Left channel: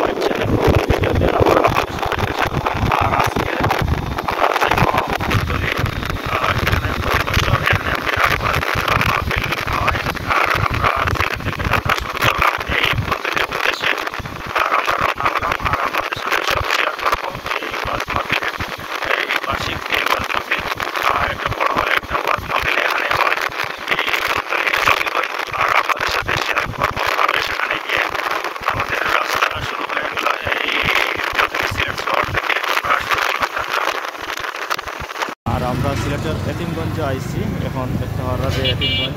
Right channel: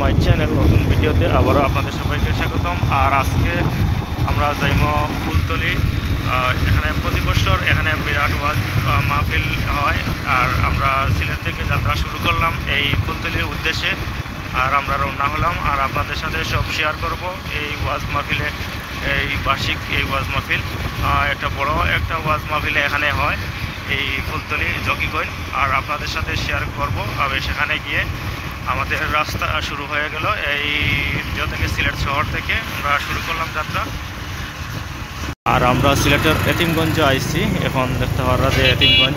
My channel নতুন ভিডিওতে আবারও আপনাদের সবাইকে স্বাগতম। আর আজকে আমরা যাইব ফুলতলি। সেখানে প্রতি বছর এখানে বিরাট মাহফিল হয়। আর আমরা সিলেট থেকে যাত্রা শুরু করলাম এই ফুলতলির উদ্দেশ্যে। আর আমরা রওনা হলাম আর আপনাদের সাথে সব শেয়ার করব এই ওয়াজ মাহফিলের, এই বার্ষিক এই ওয়াজ মাহফিল। একটা বড় একটা ওয়াজ মাহফিল এখানে হয় এই ফুলতলি চকিগঞ্জ। আর আপনাদের সাথে শেয়ার করবো তবে সেখানে গিয়ে আমাদের রাস্তা শুরু হয়ে গেল। এই থেকে সিলেট শহর থেকে আমরা শুরু করলাম যাত্রা। আর আমরা সিলেটের এতিমগঞ্জে আইছি, এখন দেখতে পারা যে এতিমগঞ্জ।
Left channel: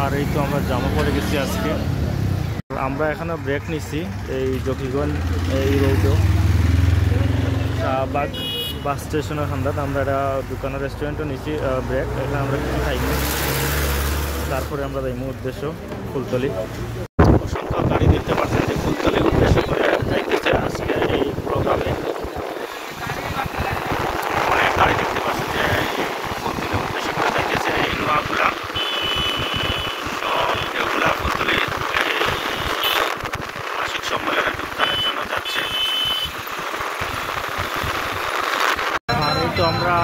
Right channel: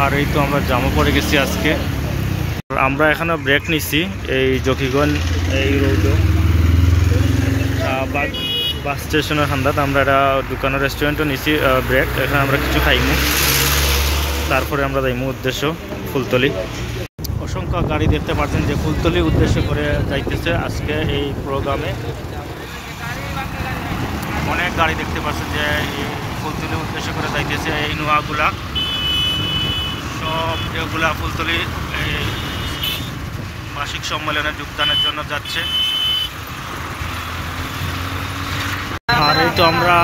আর এই তো আমরা জামা পড়ে গেছি আজকে। আমরা এখানে ব্রেক নিছি এই জকিগঞ্জ এই রোড শাহবাগ বাস স্টেশনের খান্দাত। আমরা একটা দোকানের রেস্টুরেন্টও নিছি ব্রেক। এখানে আমরা কিছু খাইনি, তারপরে আমরা যাইমু উদ্দেশ্য ফুলতলি। অসংখ্য গাড়ি দেখতে পাচ্ছেন যে ফুলতলি উদ্দেশ্য করে যাইতেছে আজকে এই প্রোগ্রামে। অনেক গাড়ি দেখতে পাচ্ছেন যে এই ফুলতলি উদ্দেশ্য করে যাইতেছে। এই নোয়াগুলা সব এগুলা ফুলতলি এই মাসিক সম্মেলনে যোগদানের জন্য যাচ্ছে। আর এই তো আমরা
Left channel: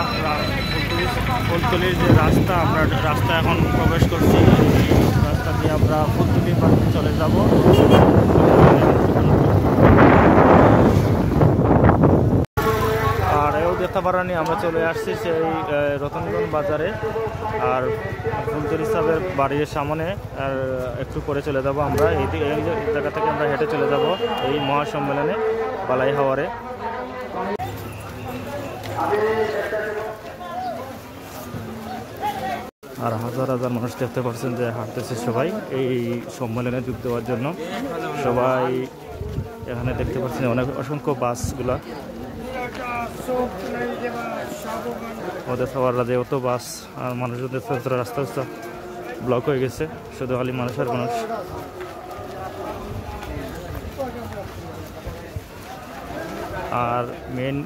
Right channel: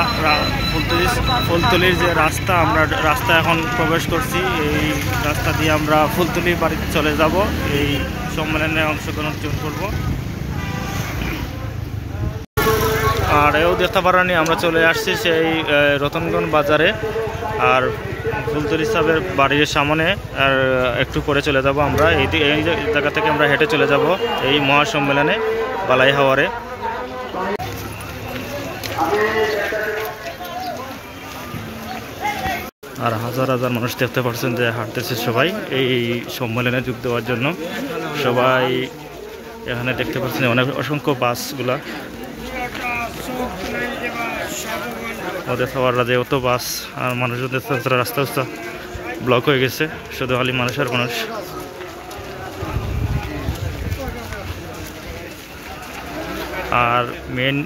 ফুলতলির যে রাস্তা, আমরা রাস্তা এখন প্রবেশ করছি। এই রাস্তা দিয়ে আমরা ফুলতলি বাড়িতে চলে যাব, এই সম্মেলনে অংশগ্রহণ করব। আর এও দেখতে পারানি আমরা চলে আসছি সেই রতনগঞ্জ বাজারে। আর ফুলতলি সাহেবের বাড়ির সামনে আর একটু পরে চলে যাব আমরা। এই জায়গা থেকে আমরা হেঁটে চলে যাব এই মহাসম্মেলনে বালাই হাওয়ারে। আর হাজার হাজার মানুষ দেখতে পাচ্ছেন যে হাঁটতেছে সবাই এই সম্মেলনে যোগ দেওয়ার জন্য। সবাই এখানে দেখতে পাচ্ছেন অনেক অসংখ্য বাসগুলা ওদের সবার রাজে অত বাস আর মানুষজন রাস্তা রাস্তা ব্লক হয়ে গেছে, শুধু খালি মানুষ আর মানুষ। আর মেন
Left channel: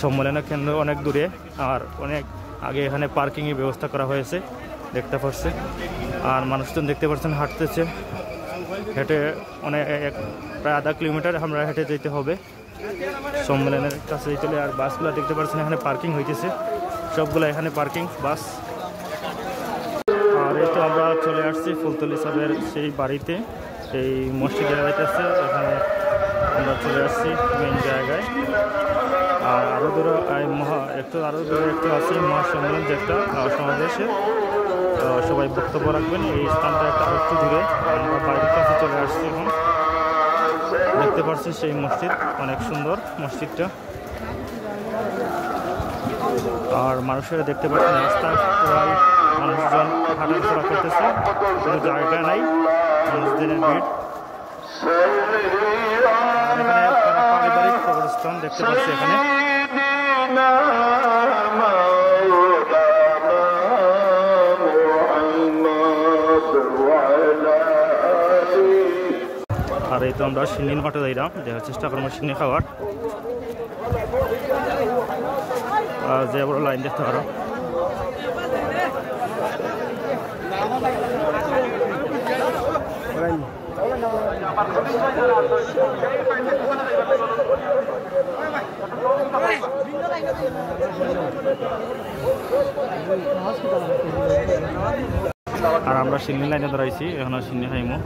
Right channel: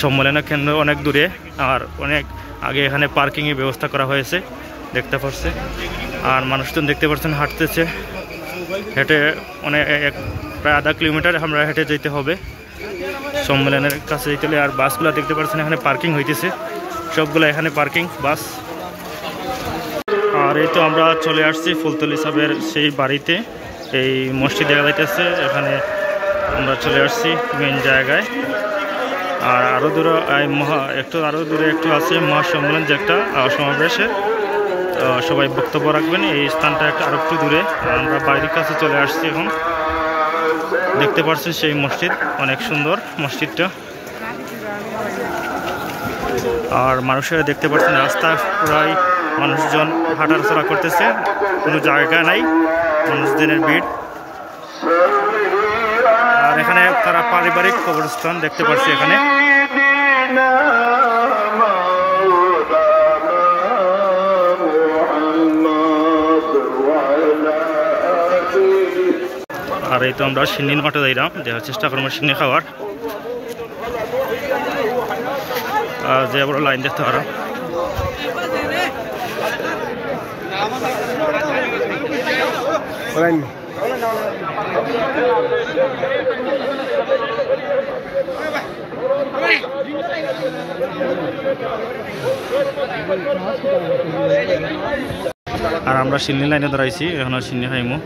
সম্মেলনের কেন্দ্র অনেক দূরে, আর অনেক আগে এখানে পার্কিংয়ের ব্যবস্থা করা হয়েছে দেখতে পাচ্ছে। আর মানুষজন দেখতে পাচ্ছেন হাঁটতেছে, হেঁটে অনেক প্রায় আধা কিলোমিটার আমরা হেঁটে যেতে হবে সম্মেলনের কাছে যেতে হলে। আর বাসগুলো দেখতে পাচ্ছেন এখানে পার্কিং হইতেছে, সবগুলো এখানে পার্কিং বাস। আর এই তো আমরা চলে আসছি ফুলতলি সাহেবের সেই বাড়িতে। এই মসজিদ দেখা যাইতেছে, এখানে আমরা চলে আসছি মেন জায়গায়। আর আরও দূরে আরও দূরে একটু আছে মহাসম্মেলন যে একটা সমাবেশে সবাই বক্তব্য রাখবেন। এই স্থানটা একটা আরো একটু দূরে। আমরা বাড়ির কাছে চলে আসছি এখন। দেখতে পাচ্ছেন সেই মসজিদ, অনেক সুন্দর মসজিদটা। আর মানুষেরা দেখতে পাচ্ছেন রাস্তা প্রায় মানুষজন হাঁটাচলা করতেছে, কোনো জায়গা নাই, মানুষজনের ভিড়। আর এখানে তারা পারিবারিক কবরস্থান দেখতে পাচ্ছি এখানে। আর এই তো আমরা সিন্নির মাঠে যাইলাম, দেখার চেষ্টা করবো সিন্নি খাওয়ার। যে বড় লাইন দেখতে পারো। আর আমরা সিন্নি লাইনে দাঁড়াইছি, এখন সিন্নি খাইমু।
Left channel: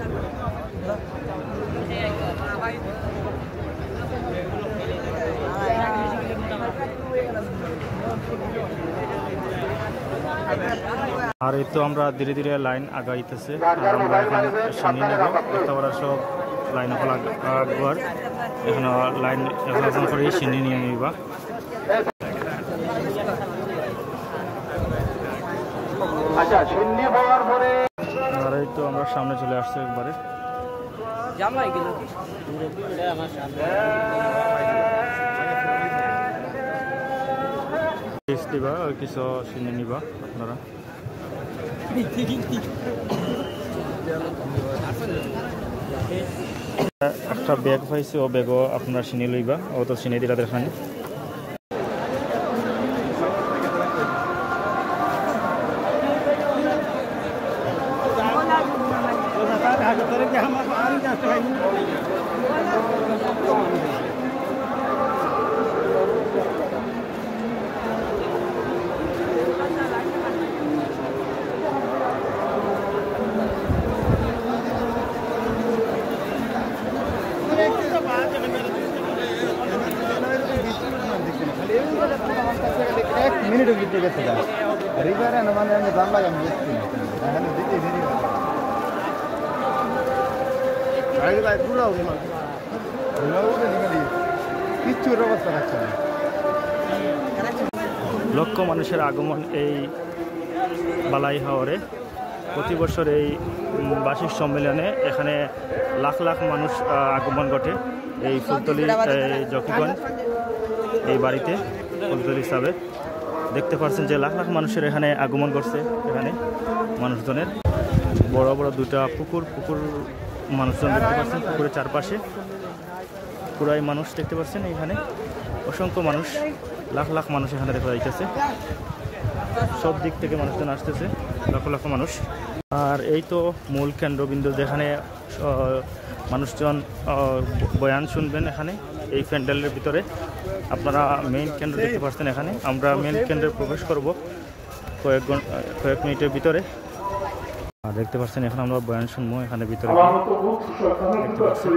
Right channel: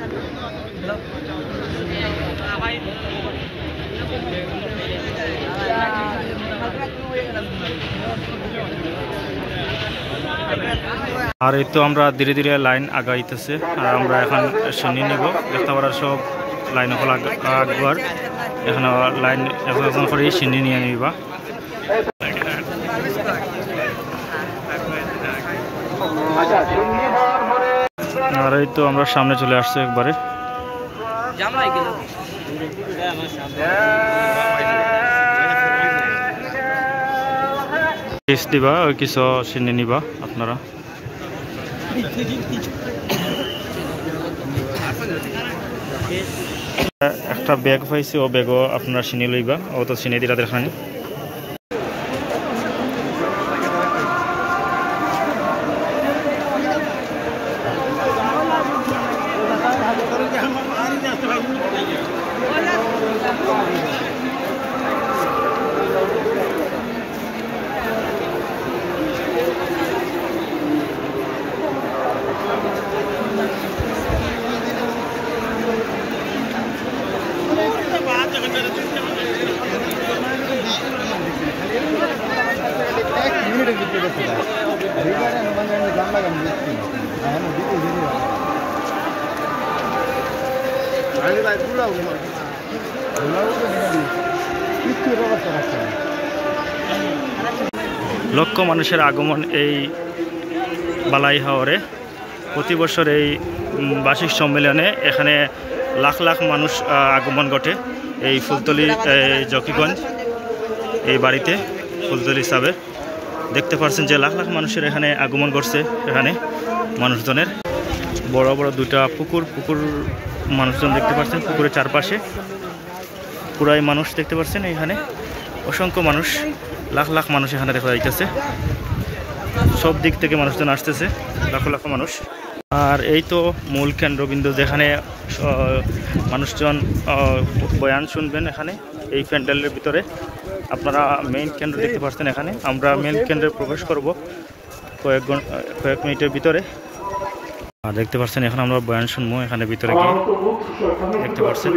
আর এই তো আমরা ধীরে ধীরে লাইন আগাইতেছে। আর আমরা এখন সিন্নি নিব, দেখতে পারা সব লাইন হল আগবার। এখানে লাইন এখন করে সিন্নি নিয়ে নিবা। আর এই তো আমরা সামনে চলে আসছি একবারে। দিবা ওই কিছু সিন্নি নিবা আপনারা। একটা ব্যাগ পাইছি, ও ব্যাগও আপনারা চিনি লইবা, ও তো চিনি দিলা দেখানি। লক্ষ মানুষের আগমন এই বালাই হাওরে। প্রতি বছর এই বার্ষিক সম্মেলনে এখানে লাখ লাখ মানুষ আগমন ঘটে এই ফুলতলি জকিগঞ্জ এই বাড়িতে ফুলতলি সাবের। দেখতে পাচ্ছেন যে লাখ লাখ মানুষের এখানে আগমন ঘটছে। এখানে মানুষজনের বড় বড় দুটা পুকুর মানুষজন দেখতে পাচ্ছেন। পুকুরের চারপাশে পুরাই মানুষ দেখতে পাচ্ছেন। এখানে অসংখ্য মানুষ, লাখ লাখ মানুষ এখানে দেখা যাইতেছে। সব দিক থেকে মানুষজন আসতেছে, লাখ লাখ মানুষ। আর এই তো মূল কেন্দ্রবিন্দু, যেখানে মানুষজন বয়ান শুনবেন। এখানে এই প্যান্ডেলের ভিতরে আপনারা মেইন কেন্দ্র দেখতে পাচ্ছেন। এখানে আমরা মেইন কেন্দ্রে প্রবেশ করব কয়েক মিনিটের ভিতরে। আর দেখতে পাচ্ছেন এখন আমরা বয়ান শুনবো এখানে ভিতরে গিয়ে। দেখতে পাচ্ছেন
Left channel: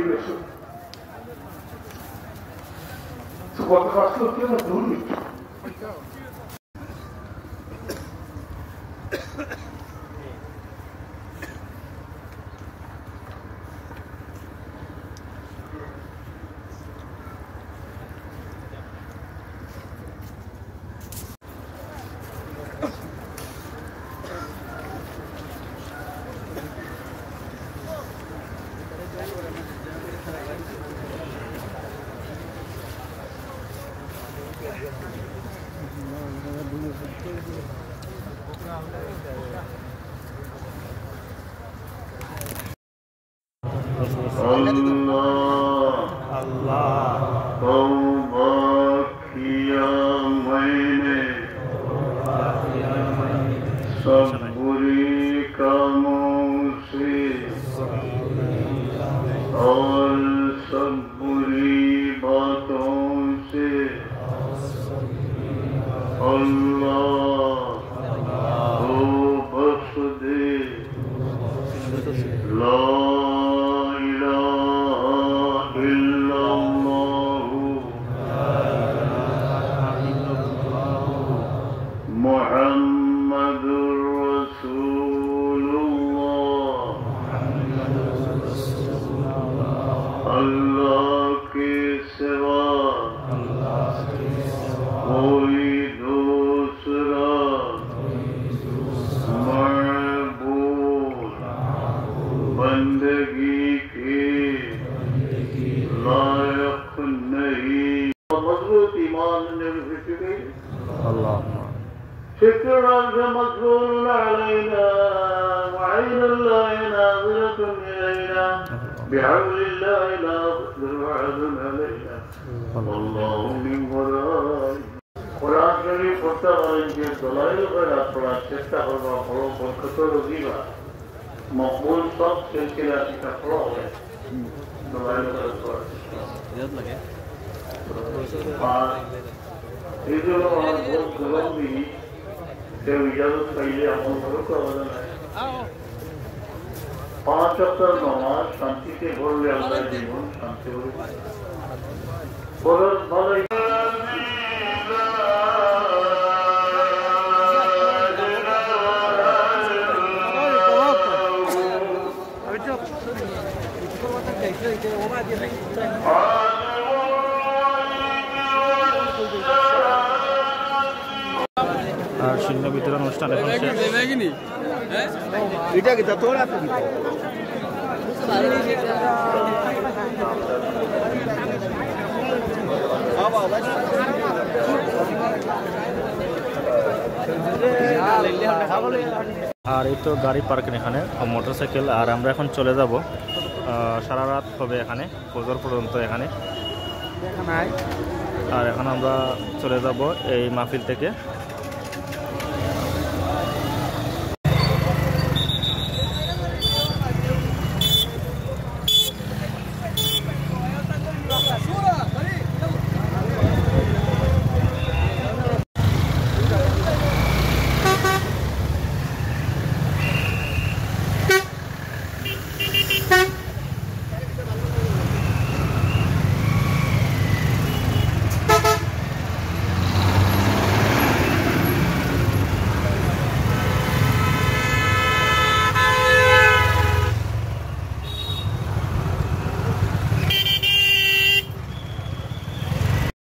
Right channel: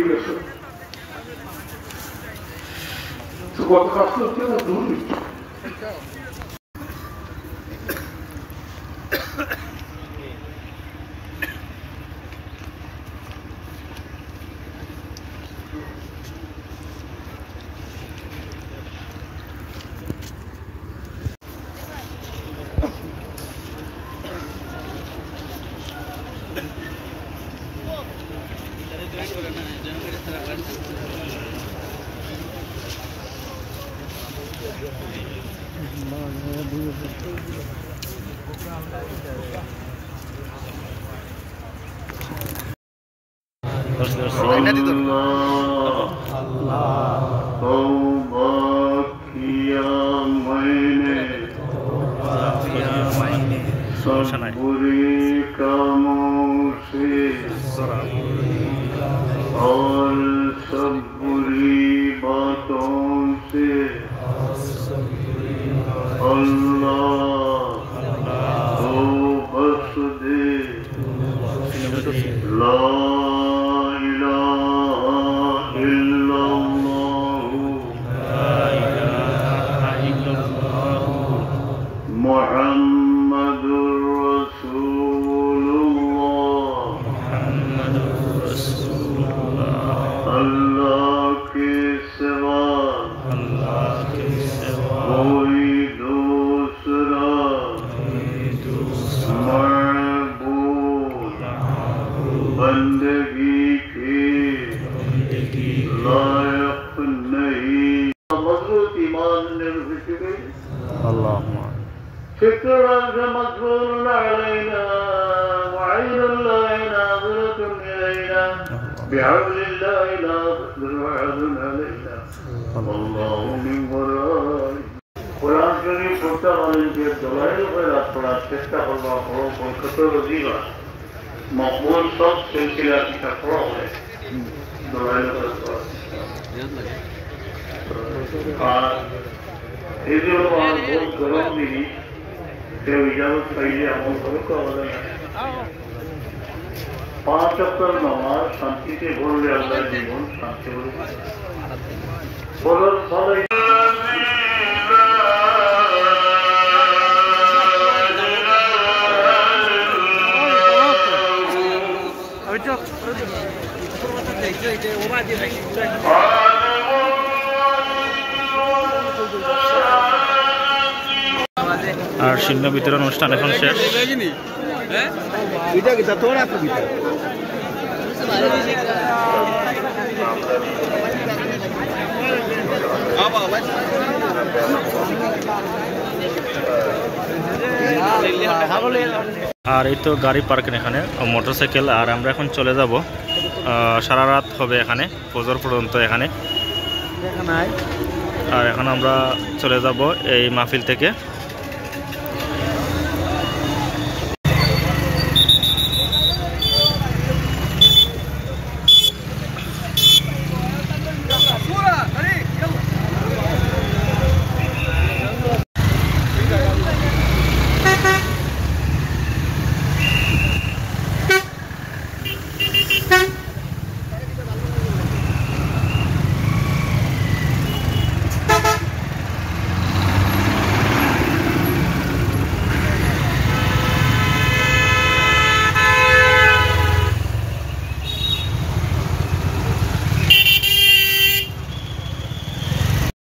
مقبول صوت سلسلة كفراغ إذا الله بول قرب به سيجاب فيلي أمور قرب पांच अक्सर नमाज शांति से बोल रहे अल्लाह जीवन शांति बोलो बोलो আর শীর্ণ বিতরণ অনুষ্ঠান এখন শেষ। আর এই তো গাড়ি পার্কিং এখানে মোটরসাইকেল। আর আমরা এখন চলে যাব, সারা রাত হবে এখানে, ফজর পর্যন্ত এখানে। আর এখন আমরা চলে যাব এই মাহফিল থেকে।